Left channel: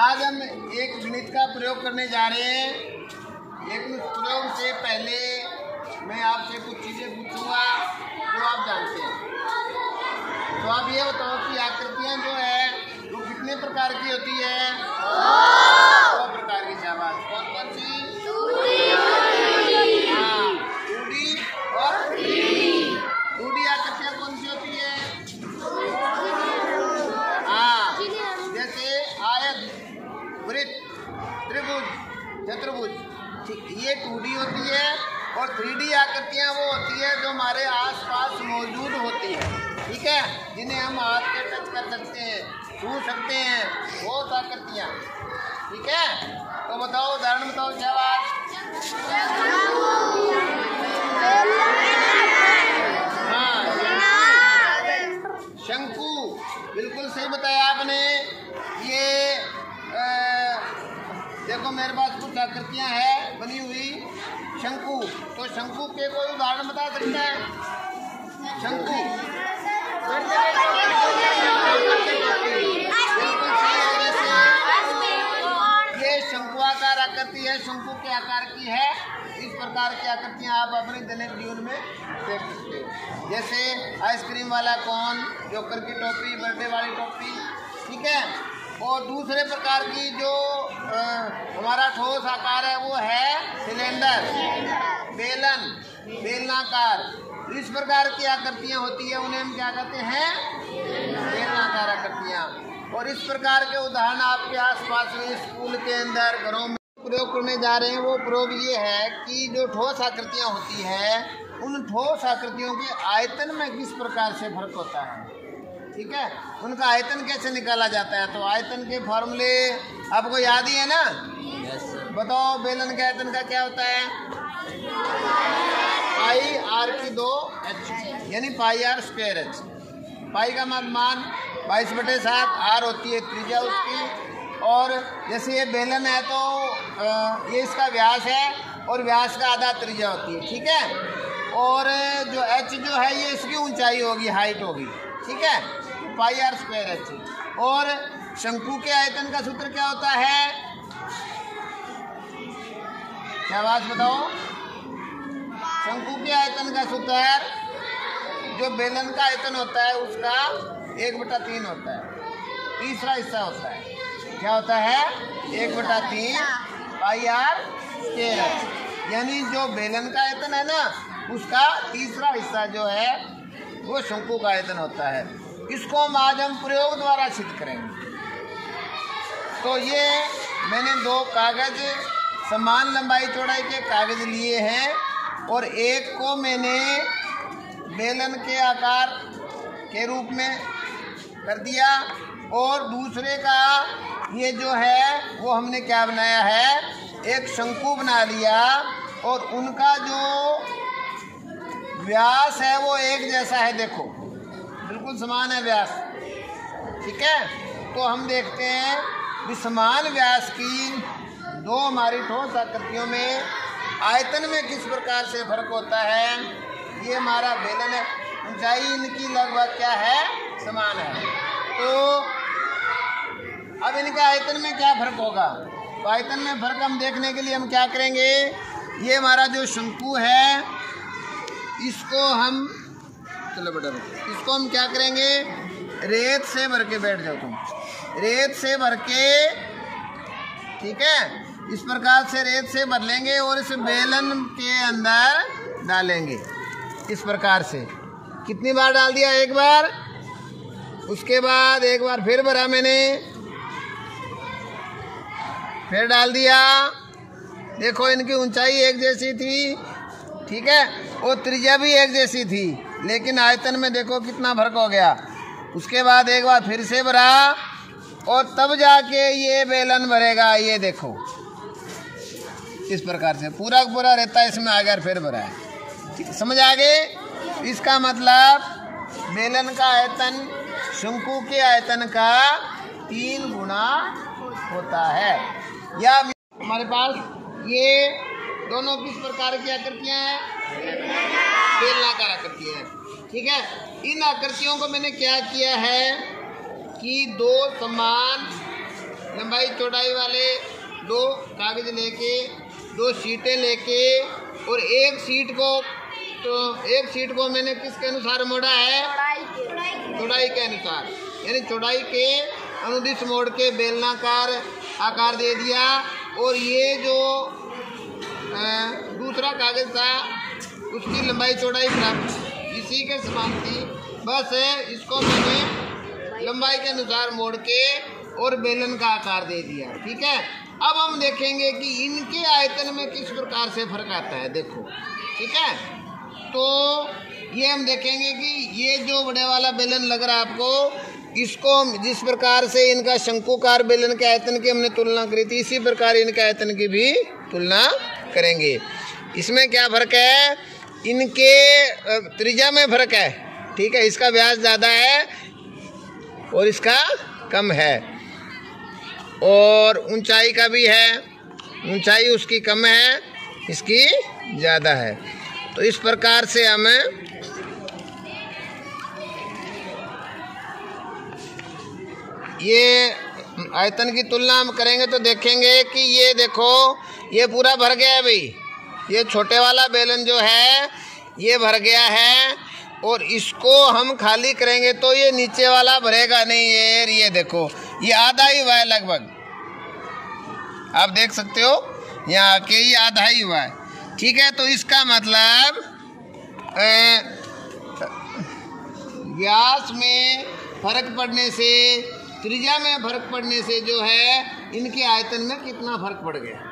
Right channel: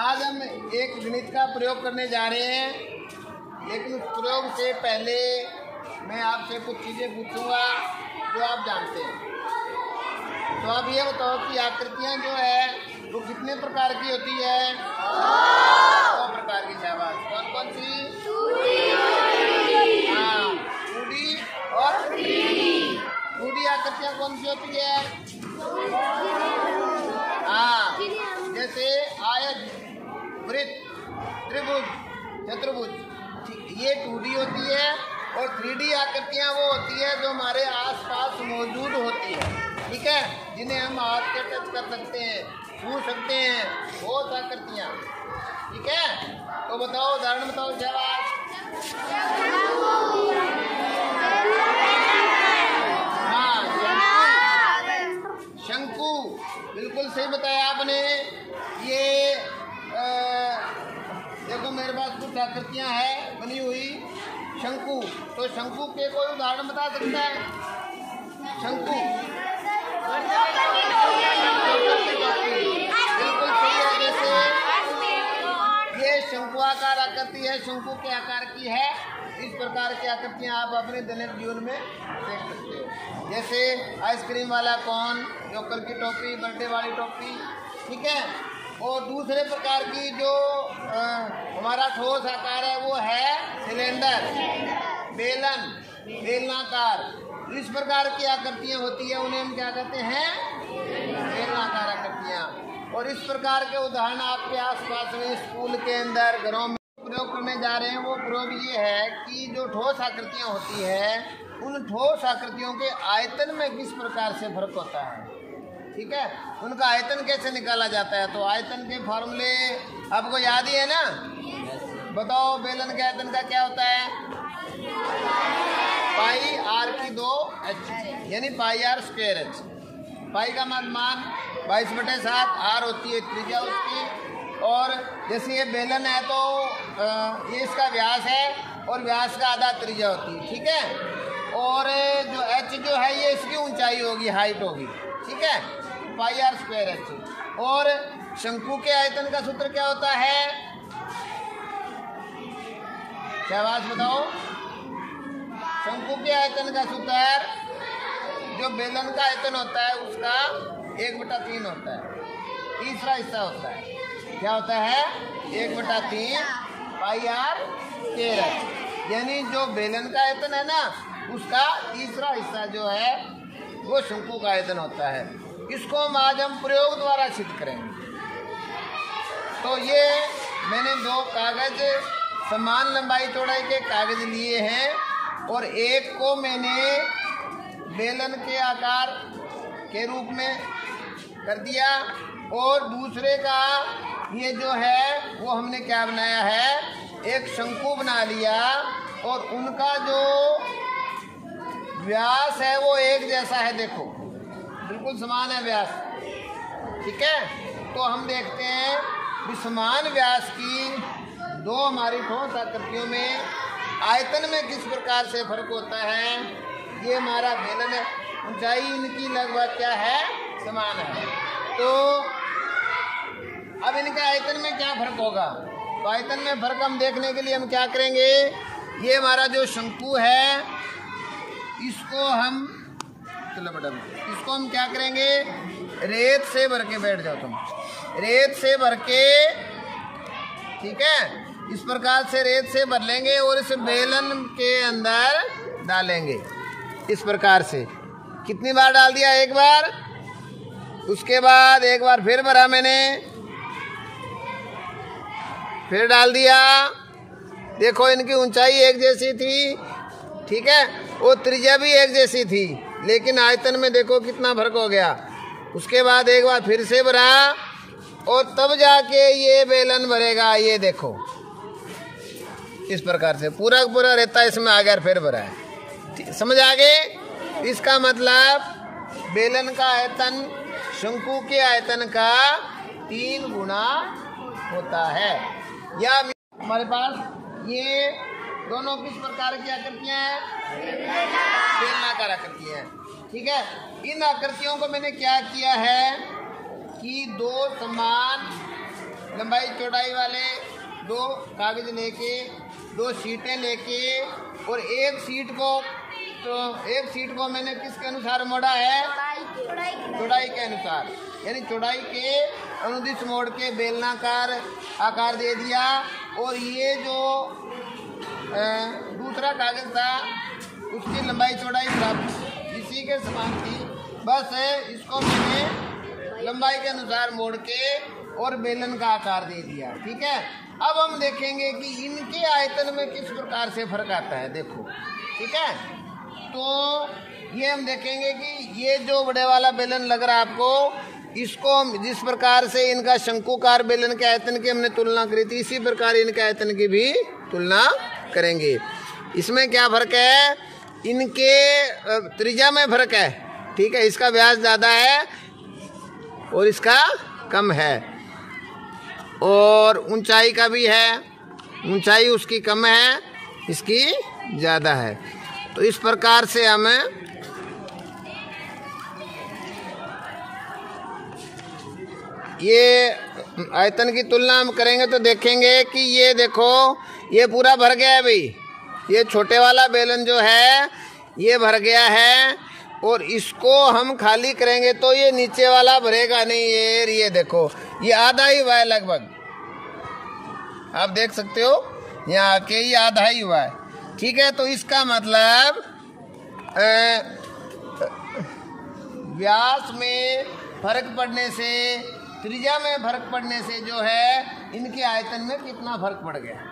आज हम एक गणित का प्रयोग करने जा रहे हैं, लेकिन उस प्रयोग से पहले मैं आपसे कुछ चीज़ें पूछूंगा जो आप जानते हैं। तो आप ये बताओ कि आकृतियाँ जो है वो कितने प्रकार की होती है? 2 प्रकार की। शाबाश। कौन कौन सी? 2D और 3D। 2D आकृतियाँ कौन सी होती है? जैसे आयत, वृत्त, त्रिभुज, चतुर्भुज, ये 2D होती है। और 3D आकृतियाँ वो होती है जो हमारे आसपास मौजूद होती है, ठीक है, जिन्हें हम हाथ से टच कर सकते हैं, छू सकते हैं, बहुत आकृतियाँ, ठीक है। तो बताओ, उदाहरण बताओ। जवाब शंकु, बिल्कुल सही बताया आपने। ये देखो मेरे पास कुछ आकृतियाँ हैं बनी हुई शंकु। तो शंकु के कोई उदाहरण बता सकता है? शंकु ये शंकुआकार आकृति है, शंकु के आकार की है। इस प्रकार की आकृतियाँ आप अपने दैनिक जीवन में देख सकते हो। जैसे आइसक्रीम वाला कोन, जोकर की टोपी, बर्थडे वाली टोपी, ठीक है। और दूसरे प्रकार की जो हमारा ठोस आकार है वो है सिलेंडर, बेलन, बेलनाकार। इस प्रकार की आकृतियाँ होती है, उन्हें हम क्या कहते हैं? बेलनाकार आकृतियाँ। और इस प्रकार के उदाहरण आपके आसपास में, स्कूल के अंदर, घरों में प्रयोग करने जा रहे हैं। वो प्रयोग ये है कि जो ठोस आकृतियाँ होती है, उन ठोस आकृतियों के आयतन में किस प्रकार से फर्क होता है, ठीक है। उनका आयतन कैसे निकाला जाता है? तो आयतन के फॉर्मूले आपको याद ही है ना? बताओ, बेलन के आयतन का क्या होता है? पाई आर की 2h, यानी पाई आर स्क्वायर h। पाई का मान 22/7, आर होती है त्रिज्या उसकी। और जैसे ये बेलन है तो ये इसका व्यास है और व्यास का आधा त्रिज्या होती है, ठीक है। और जो h जो है ये इसकी ऊंचाई होगी, हाइट होगी, ठीक है। पाई आर स्क्वायर h। और शंकु के आयतन का सूत्र क्या होता है? क्या बात बताओ? शंकु के आयतन का सूत्र जो बेलन का आयतन होता है उसका 1/3 होता है, तीसरा हिस्सा होता है। क्या होता है? 1/3 पाई आर स्क्वायर h। यानी जो बेलन का आयतन है ना, उसका तीसरा हिस्सा जो है वो शंकु का आयतन होता है। इसको आज हम प्रयोग द्वारा सिद्ध करेंगे। तो ये मैंने 2 कागज, समान लंबाई चौड़ाई के कागज लिए हैं, और एक को मैंने बेलन के आकार के रूप में कर दिया, और दूसरे का ये जो है वो हमने क्या बनाया है? एक शंकु बना लिया। और उनका जो व्यास है वो एक जैसा है, देखो बिल्कुल समान है व्यास, ठीक है। तो हम देखते हैं कि समान व्यास की 2 हमारी ठोस आकृतियों में आयतन में किस प्रकार से फर्क होता है। ये हमारा बेलन है, ऊंचाई इनकी लगभग क्या है? समान है। तो अब इनका आयतन में क्या फर्क होगा? तो आयतन में फर्क हम देखने के लिए हम क्या करेंगे? ये हमारा जो शंकु है, इसको हम इसको हम क्या करेंगे? रेत से भर के बैठ जाओ तुम, रेत से भर के, ठीक है। इस प्रकार से रेत से भर लेंगे और इस बेलन के अंदर डालेंगे इस प्रकार से। कितनी बार डाल दिया? 1 बार। उसके बाद 1 बार फिर भरा मैंने, फिर डाल दिया। देखो इनकी ऊंचाई एक जैसी थी, ठीक है, और त्रिज्या भी एक जैसी थी, लेकिन आयतन में देखो कितना फर्क हो गया। उसके बाद 1 बार फिर से भरा, और तब जाके ये बेलन भरेगा। ये देखो इस प्रकार से पूरा पूरा रहता है इसमें आ गया, फिर भरा है। समझ आ गए? इसका मतलब बेलन का आयतन शंकु के आयतन का 3 गुना होता है। या हमारे पास ये दोनों किस प्रकार की आकृतियाँ हैं? बेलनाकार आकृतियाँ हैं, ठीक है। इन आकृतियों को मैंने क्या किया है कि 2 समान लंबाई चौड़ाई वाले 2 कागज लेके 2 शीटें लेके और एक शीट को मैंने किसके अनुसार मोड़ा है? चौड़ाई के अनुसार, यानी चौड़ाई के अनुदिश मोड़ के बेलनाकार आकार दे दिया। और ये जो दूसरा कागज था उसकी लंबाई चौड़ाई बराबर इसी के समान थी, बस इसको मैंने लंबाई के अनुसार मोड़ के और बेलन का आकार दे दिया। ठीक है, अब हम देखेंगे कि इनके आयतन में किस प्रकार से फर्क आता है। देखो, ठीक है, तो ये हम देखेंगे कि ये जो बड़े वाला बेलन लग रहा है आपको, इसको जिस प्रकार से इनका शंकुकार बेलन के आयतन की हमने तुलना करी थी, इसी प्रकार इनके आयतन की भी तुलना करेंगे। इसमें क्या फर्क है? इनके त्रिज्या में फर्क है। ठीक है, इसका व्यास ज़्यादा है और इसका कम है, और ऊंचाई का भी है, ऊंचाई उसकी कम है, इसकी ज़्यादा है। तो इस प्रकार से हम ये आयतन की तुलना हम करेंगे तो देखेंगे कि ये देखो, ये पूरा भर गया है भाई। ये छोटे वाला बेलन जो है ये भर गया है, और इसको हम खाली करेंगे तो ये नीचे वाला भरेगा नहीं। ये देखो, ये आधा ही हुआ है लगभग, आप देख सकते हो यहाँ आके ये आधा ही हुआ है। ठीक है, तो इसका मतलब व्यास में फर्क पड़ने से, त्रिज्या में फर्क पड़ने से जो है इनके आयतन में कितना फर्क पड़ गया।